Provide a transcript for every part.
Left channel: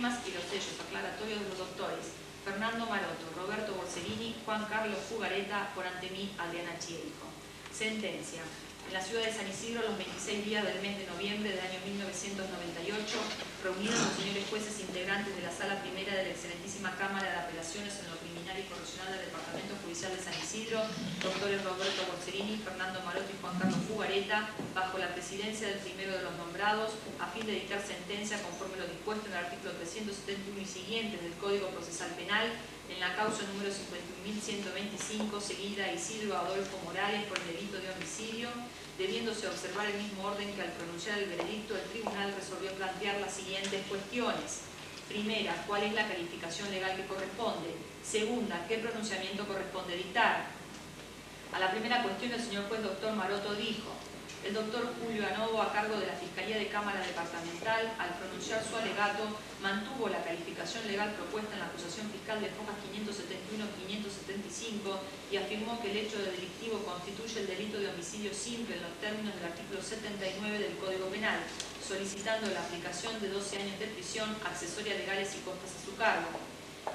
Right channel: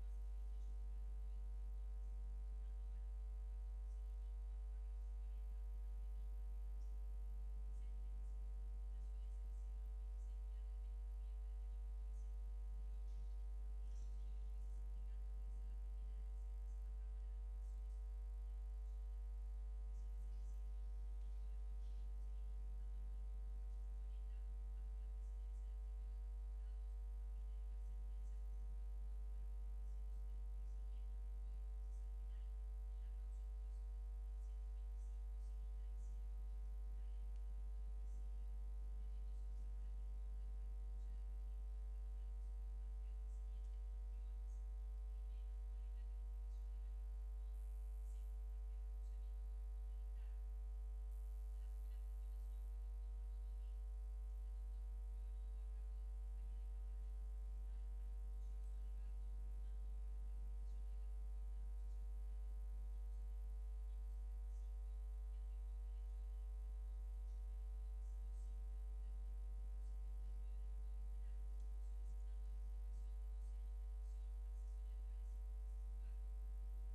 firmas y los sellos aclaratorios de los doctores Fernando Maroto, Roberto Borsellini, Juan Carlos Fugareta, por ante mí, Adriana Chierico. Sentencia. En la ciudad de San Isidro, los 26 días del mes de noviembre del año 1998, reunidos los señores jueces integrantes de la Sala Primera de la Excelentísima Cámara de Apelaciones en lo Criminal y Correccional del Departamento Judicial de San Isidro, doctores Roberto Borsellini, Fernando Maroto y Juan Carlos Fugareta, bajo la presidencia del primero de los nombrados, a fin de dictar sentencia conforme lo dispuesto en el artículo 371 y siguientes del Código Procesal Penal, en la causa número 51.125, seguida a Isidro Adolfo Morales por el delito de homicidio, debiéndose observar el mismo orden que al pronunciar el veredicto, el tribunal resolvió plantear las siguientes cuestiones. Primera, ¿cuál es la calificación legal que corresponde? Segunda, ¿qué pronunciamiento corresponde dictar? A la primera cuestión, el señor juez doctor Maroto dijo: el doctor Julio Anovo, a cargo de la Fiscalía de Cámara Departamental, al pronunciar su alegato, mantuvo la calificación legal propuesta en la acusación fiscal de fojas 571-575 y afirmó que el hecho delictivo constituye el delito de homicidio simple en los términos del artículo 79 del Código Penal, solicitando la aplicación de 12 años de prisión, accesorias legales y costas a su cargo.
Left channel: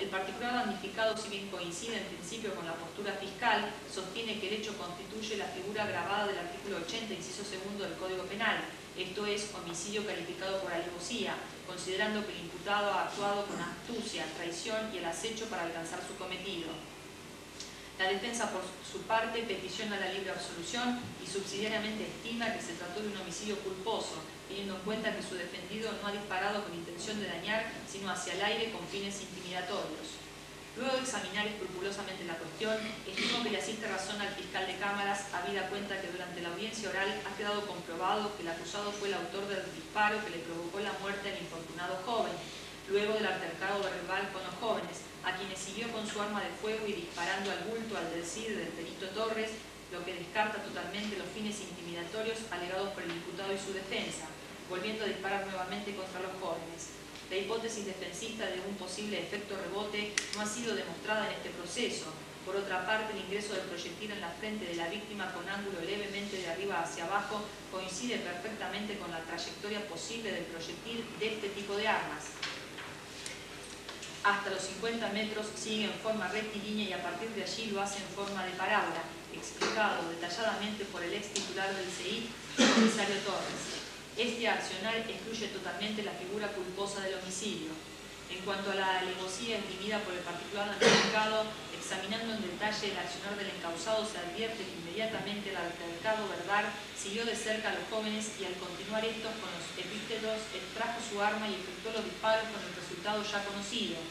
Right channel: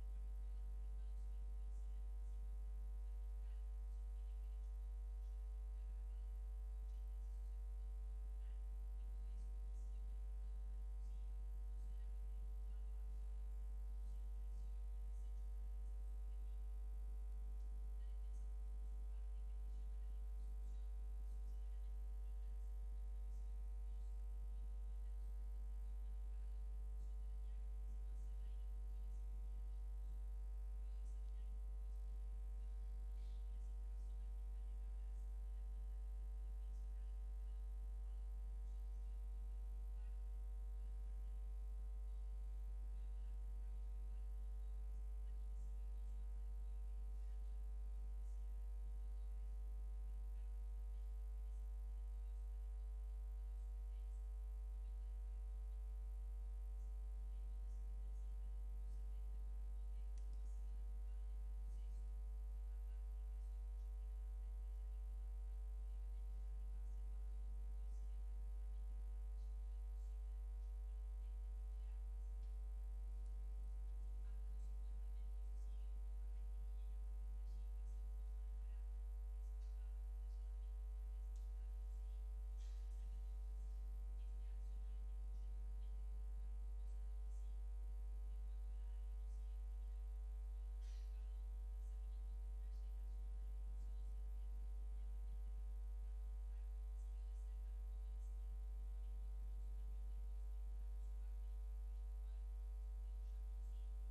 El particular damnificado, si bien coincide en principio con la postura fiscal, sostiene que el hecho constituye la figura agravada del artículo 80, inciso segundo del Código Penal, esto es, homicidio calificado por alevosía, considerando que el imputado ha actuado con astucia, traición y el acecho para alcanzar su cometido. La defensa, por su parte, peticiona la libre absolución y subsidiariamente estima que se trató de un homicidio culposo, teniendo en cuenta que su defendido no ha disparado con intención de dañar, sino hacia el aire con fines intimidatorios. Luego de examinar escrupulosamente la cuestión, estimo que le asiste razón al fiscal de cámaras, habida cuenta que durante la audiencia oral ha quedado comprobado que el acusado fue el autor del disparo que le provocó la muerte al infortunado joven, luego del altercado verbal con los jóvenes, a quienes siguió con su arma de fuego y disparando al bulto al del CID del perito Torres, lo que descarta totalmente los fines intimidatorios alegados por el imputado y su defensa, volviendo a disparar nuevamente contra los jóvenes. La hipótesis defensista de un posible efecto rebote no ha sido demostrada en este proceso. Por otra parte, el ingreso del proyectil en la frente de la víctima con ángulo levemente de arriba hacia abajo coincide perfectamente con la trayectoria posible del proyectil de este tipo de armas. Hasta los 50 metros sigue en forma rectilínea y a partir de allí lo hace en forma de parábola, explicado detalladamente por el ex titular del CEI, el comisario Torres. Este accionar excluye totalmente la figura culposa del homicidio. En cuanto a la alevosía esgrimida por el particular damnificado, examinando en detalle el accionar del encausado, se advierte que inmediatamente el altercado verbal siguió de cerca a los jóvenes y al continuar estos con los epítetos extrajo su arma y efectuó los disparos con el resultado ya conocido.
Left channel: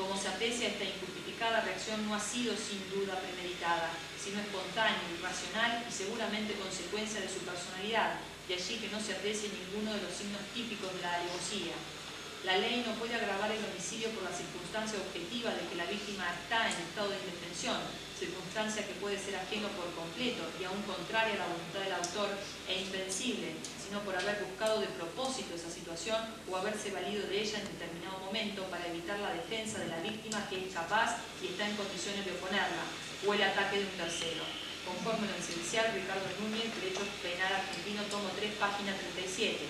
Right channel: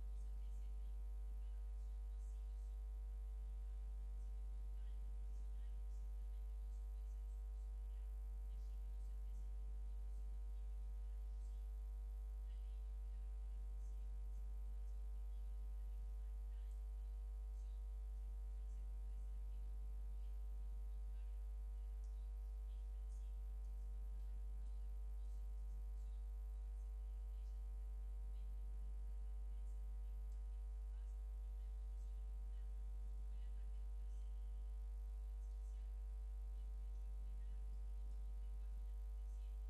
Como se aprecia, esta injustificada reacción no ha sido sin duda premeditada, sino espontánea, irracional y seguramente consecuencia de su personalidad, de allí que no se aprecie ninguno de los signos típicos de la alevosía. La ley no puede agravar el homicidio por la circunstancia objetiva de que la víctima está en estado de indefensión, circunstancia que puede ser ajeno por completo y aún contraria a la voluntad del autor e invencible, sino por haber buscado de propósito esa situación o haberse valido de ella en determinado momento para evitar la defensa de la víctima que es capaz y está en condiciones de oponerla, o el ataque de un tercero. Conforme lo esencial, Ricardo Núñez, Derecho Penal Argentino, tomo 3, página 37.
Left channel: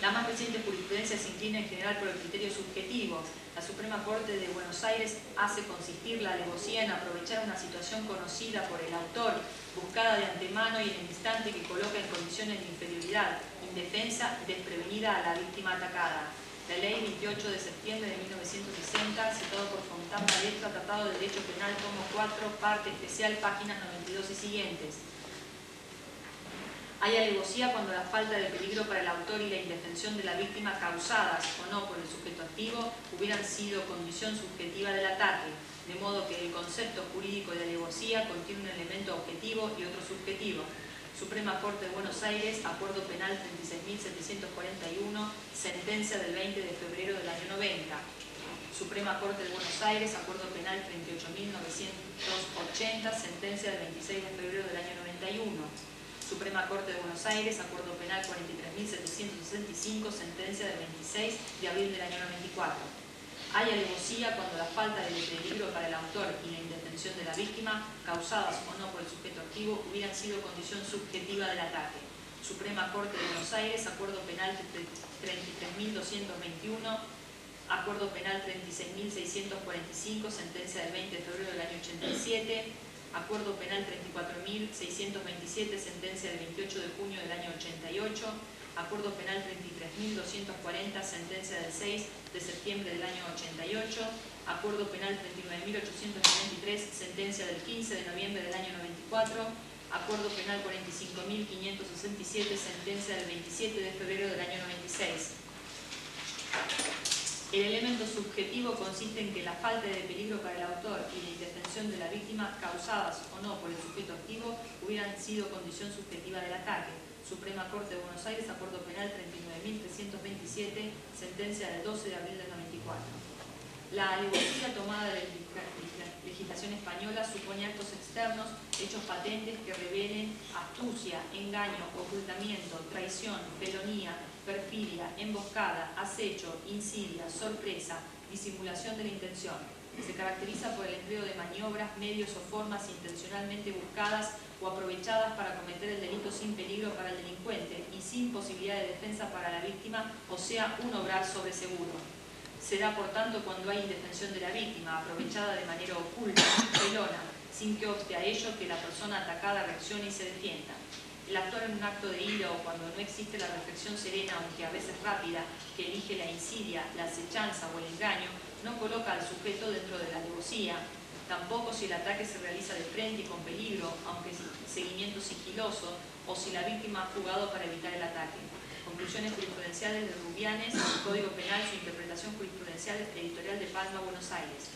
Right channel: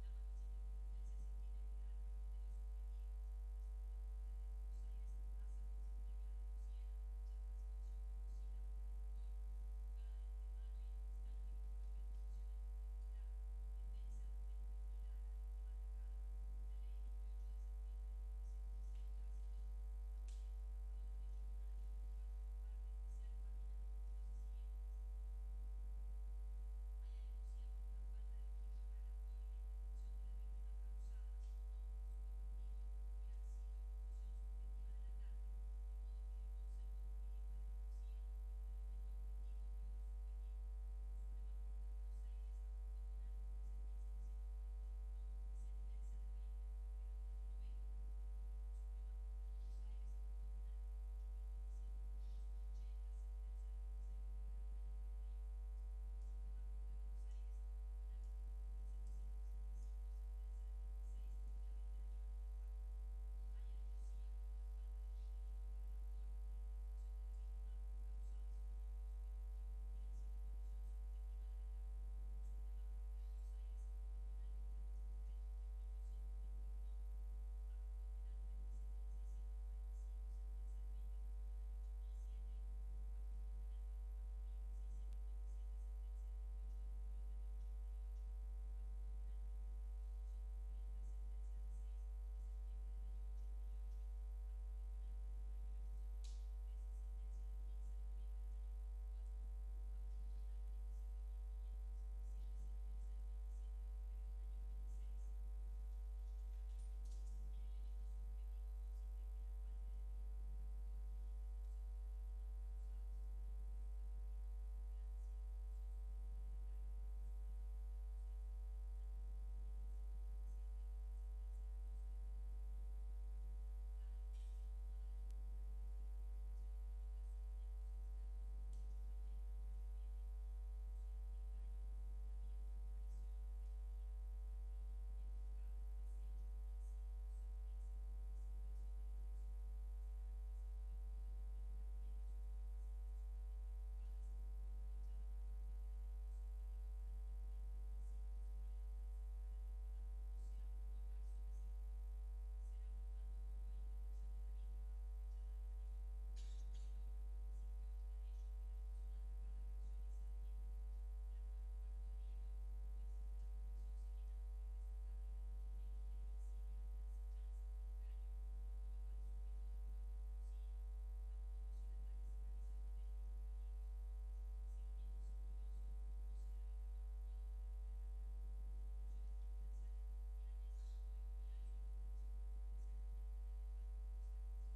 La más reciente jurisprudencia se inclina en general por el criterio subjetivo. La Suprema Corte de Buenos Aires hace consistir la alevosía en aprovechar una situación conocida por el autor, buscada de antemano y en el instante que coloca en condiciones de inferioridad, indefensa y desprevenida a la víctima atacada. La Ley 28 de septiembre de 1960, citado por Fontán Maestra, Tratado de Derecho Penal, tomo 4, parte especial, páginas 92 y siguientes. Hay alevosía cuando la falta de peligro para el autor y la indefensión de la víctima causadas o no por el sujeto activo hubieran sido condición subjetiva del ataque, de modo que el concepto jurídico de alevosía contiene un elemento objetivo y otro subjetivo. Suprema Corte de Buenos Aires, Acuerdo Penal 36.741, sentencia del 20 de febrero del año 90. Suprema Corte de Buenos Aires, Acuerdo Penal 38.980, sentencia del 26 de febrero del año 91. Suprema Corte de Buenos Aires, Acuerdo Penal 43.765, sentencia del 26 de abril del año 94. Hay alevosía cuando la falta de peligro para el autor y la indefensión de la víctima, causadas o no por el sujeto activo, hubieran sido condición subjetiva del ataque. Suprema Corte de Buenos Aires, Acuerdo Penal 33.221, Acuerdo Penal 36.645, sentencia del 20 de febrero del año 87. Acuerdo Penal 34.627, sentencia del 28 de junio del año 88. Acuerdo Penal 33.240, sentencia del 6 de septiembre del año 88. Acuerdo Penal 39.893, sentencia del 15 de noviembre del año 94. Acuerdo Penal 45.567, sentencia del 27 de febrero del año 96. El elemento subjetivo consiste en que la falta de peligro para el autor y la indefensión de la víctima, causadas o no por el sujeto activo, hubieran sido condición subjetiva del ataque. Suprema Corte de Buenos Aires, Acuerdo Penal 39.327, sentencia del 12 de abril del 94. La alevosía tomada de la legislación española supone actos externos, hechos patentes que revelen astucia, engaño, ocultamiento, traición, felonía, perfidia, emboscada, acecho, insidia, sorpresa, disimulación de la intención. Se caracteriza por el empleo de maniobras, medios o formas intencionalmente buscadas o aprovechadas para cometer el delito sin peligro para el delincuente y sin posibilidad de defensa para la víctima, o sea, un obrar sobre seguro. Se da, por tanto, cuando hay indefensión de la víctima, aprovechada de manera oculta, felona, sin que obste a ello que la persona atacada reaccione y se defienda. El actuar en un acto de ira o cuando no existe la reflexión serena, aunque a veces rápida, que elige la insidia, la acechanza o el engaño, no coloca al sujeto dentro de la alevosía. Tampoco si el ataque se realiza de frente y con peligro, aunque seguimiento sigiloso, o si la víctima ha jugado para evitar el ataque. Conclusiones jurisprudenciales de Rubianes, Código Penal, su interpretación jurisprudencial editorial de Palma, Buenos Aires.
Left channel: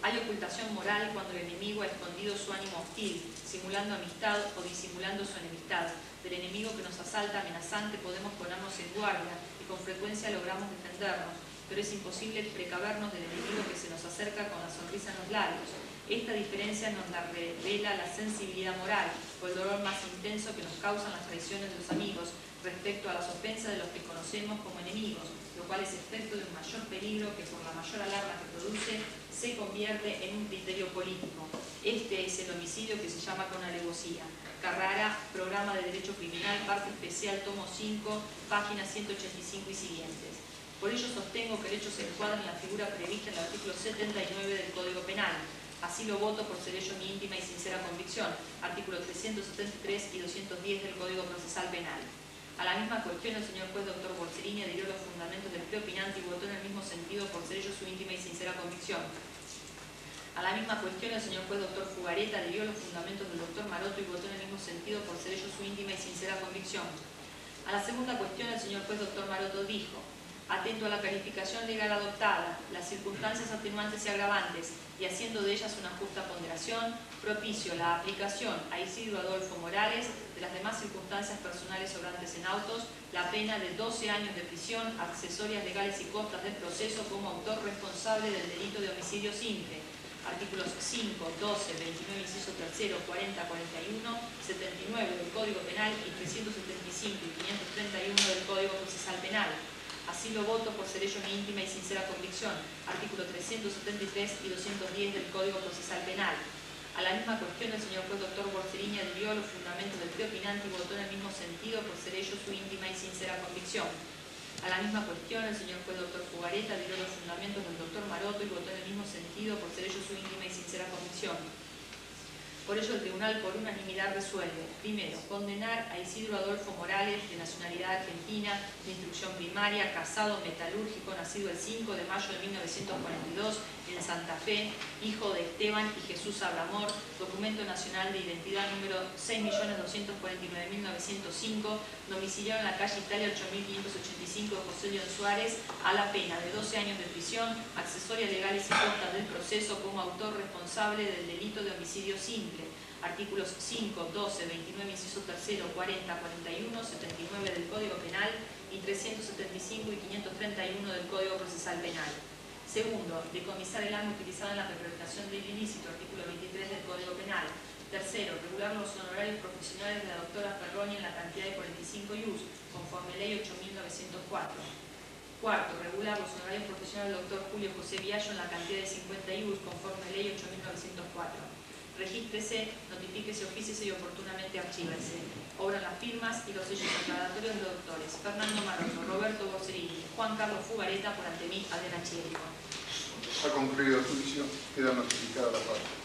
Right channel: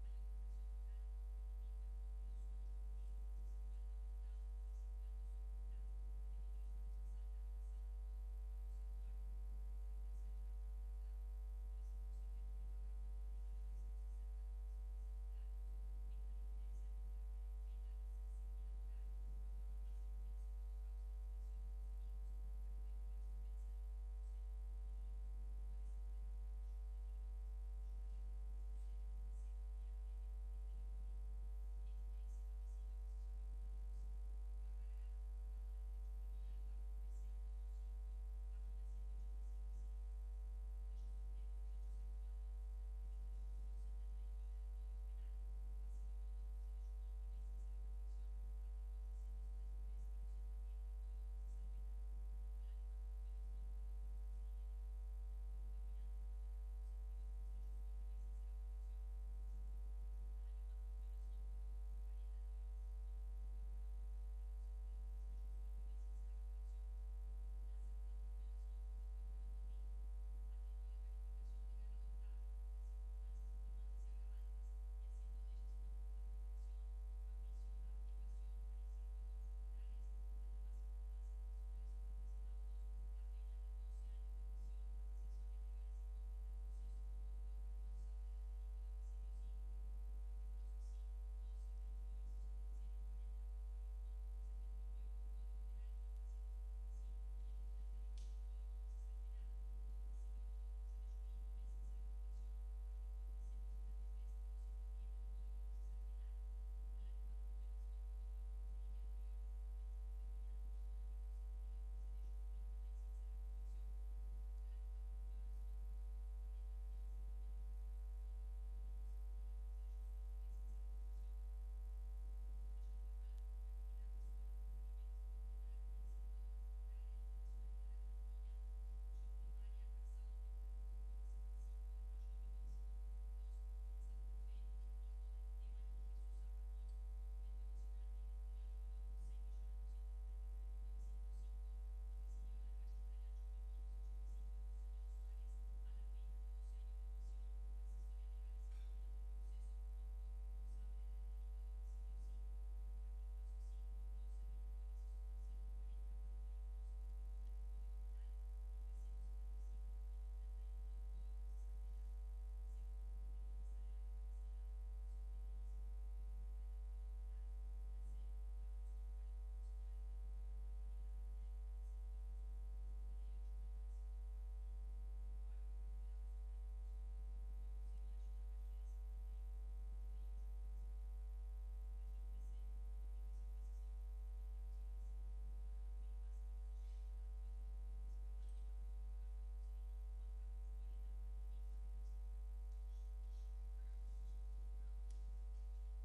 Hay ocultación moral cuando el enemigo ha escondido su ánimo hostil, simulando amistad o disimulando su enemistad. Del enemigo que nos asalta amenazante podemos ponernos en guardia y con frecuencia logramos defendernos, pero es imposible precavernos del enemigo que se nos acerca con la sonrisa en los labios. Esta diferencia nos la revela la sensibilidad moral o el dolor más intenso que nos causan las traiciones de los amigos respecto a las ofensas de los que conocemos como enemigos, lo cual es efecto de un mayor peligro que por la mayor alarma que produce se convierte en un criterio político. Este es el homicidio que se llama con alevosía. Carrara, Programa de Derecho Criminal, parte especial, tomo 5, páginas 185 y siguientes. Por ello sostengo que el hecho se encuadra en la figura prevista en el artículo 79 del Código Penal. Así lo voto por ser ello mi íntima y sincera convicción. Artículo 373 y 210 del Código Procesal Penal. A la misma cuestión, el señor juez Dr. Borserini adhirió los fundamentos del preopinante y votó en el mismo sentido por ser ello su íntima y sincera convicción. A la misma cuestión, el señor juez Dr. Fugareta adhirió los fundamentos del Dr. Maroto y votó en el mismo sentido por ser ello su íntima y sincera convicción. A la segunda cuestión, el señor juez Dr. Maroto dijo: atento a la calificación legal adoptada, las circunstancias atenuantes y agravantes, y haciendo de ellas una justa ponderación, propicio la aplicación a Isidro Adolfo Morales de las demás circunstancias personales sobrantes en autos, la pena de 12 años de prisión, accesorias legales y costas del proceso como autor responsable del delito de homicidio simple. Artículos 5, 12, 29, inciso 3, 40, 41, 79 del Código Penal y 375 y 531 del Código Procesal Penal. Así lo voto por ser ello mi íntima y sincera convicción. Artículo 373 y 210 del Código Procesal Penal. A la misma cuestión, el señor juez Dr. Borserini adhirió los fundamentos del preopinante y votó en el mismo sentido por ser ello su íntima y sincera convicción. A la misma cuestión, el señor juez Dr. Fugareta adhirió los fundamentos del Dr. Maroto y votó en el mismo sentido por ser ello su íntima y sincera convicción. Por ello, el tribunal por unanimidad resuelve: primero, condenar a Isidro Adolfo Morales, de nacionalidad argentina, de instrucción primaria, casado, metalúrgico, nacido el 5 de mayo de 1942 en Santa Fe, hijo de Esteban y Jesús Abramor, documento nacional de identidad número 6.249.905, domiciliado en la calle Italia 8585 de José León Suárez, a la pena de 12 años de prisión, accesorias legales y costas del proceso como autor responsable del delito de homicidio simple. Artículos 5, 12, 29, inciso 3, 40, 41, 79 del Código Penal y 375 y 531 del Código Procesal Penal. Segundo, decomisar el arma utilizada en la perpetración del ilícito, artículo 23 del Código Penal. Tercero, regular los honorarios profesionales de la doctora Ferroni en la cantidad de 45 ius, conforme ley 8.904. Cuarto, regular los honorarios profesionales del doctor Julio José Viallo en la cantidad de 50 ius, conforme ley 8.904. Regístrese, notifíquese, ofíciese y oportunamente archívese. Obran las firmas y los sellos declaratorios de los doctores Fernando Maroto, Roberto Borserini, Juan Carlos Fugareta por ante mí, Adriana Chirico. Ha concluido el juicio. Queda notificada la parte.